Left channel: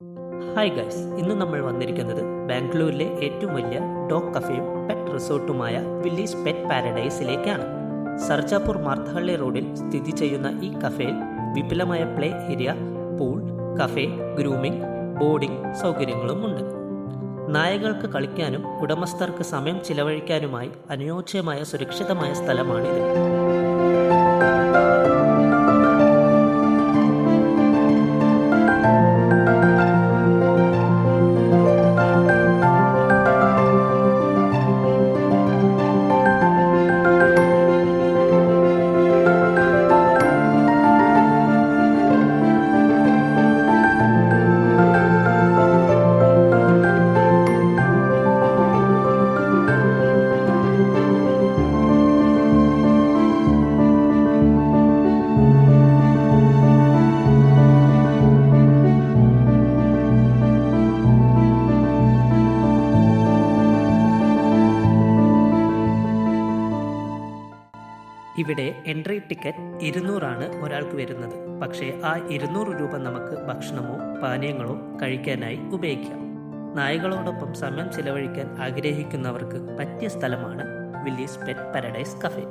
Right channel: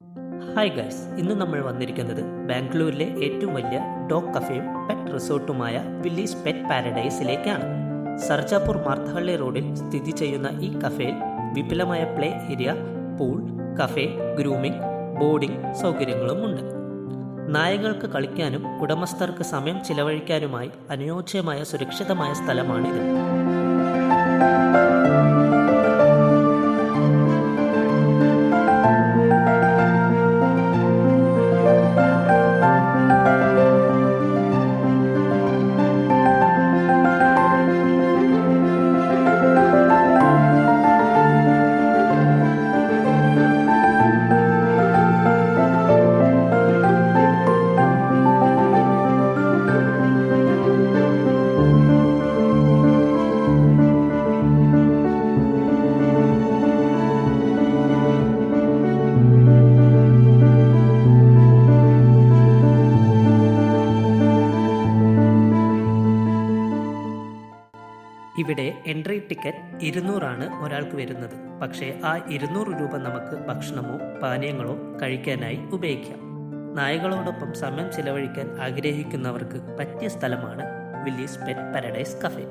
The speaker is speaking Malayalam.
ഹായ് ഗൈസ്, ഇന്ന് നമ്മൾ വന്നിരിക്കുന്നത് ബാംഗ്ലൂരിലെ ഏറ്റവും വലിയ ഡോഗ് കഫേയും പെറ്റ് റിസോർട്ടുമായ വില്ലീസ് പെറ്റ് പാരഡൈസിലേക്കാണ്. സർജാപൂർ മാർത്തഹള്ളി റോഡിൽ സ്ഥിതി ചെയ്യുന്ന ഈ കഫേയിൽ വിപുലമായ play area, pool, cafe, grooming, boarding സൗകര്യങ്ങളുമുണ്ട്. നായകൾക്ക് കളിക്കാനും ഉടമസ്ഥർക്ക് സമയം ചിലവഴിക്കാനുമായി അനുയോജ്യമായ സുരക്ഷിതമായ സ്ഥലമാണിത്. ഇവിടെ എൻട്രി ടിക്കറ്റ് 200 ഒരാൾക്ക് വരുന്നത്. പക്ഷേ ആ 200 രൂപ നമുക്ക് ഭക്ഷണമോ പാനീയങ്ങളോ കഴിക്കാനായി ഉപയോഗിക്കാം. നായകളോടൊപ്പം സമയം ചിലവഴിക്കാൻ ആഗ്രഹിക്കുന്നവർക്ക് പറ്റിയ സ്ഥലമാണ് വില്ലീസ് പെറ്റ് പാരഡൈസ് കഫേ.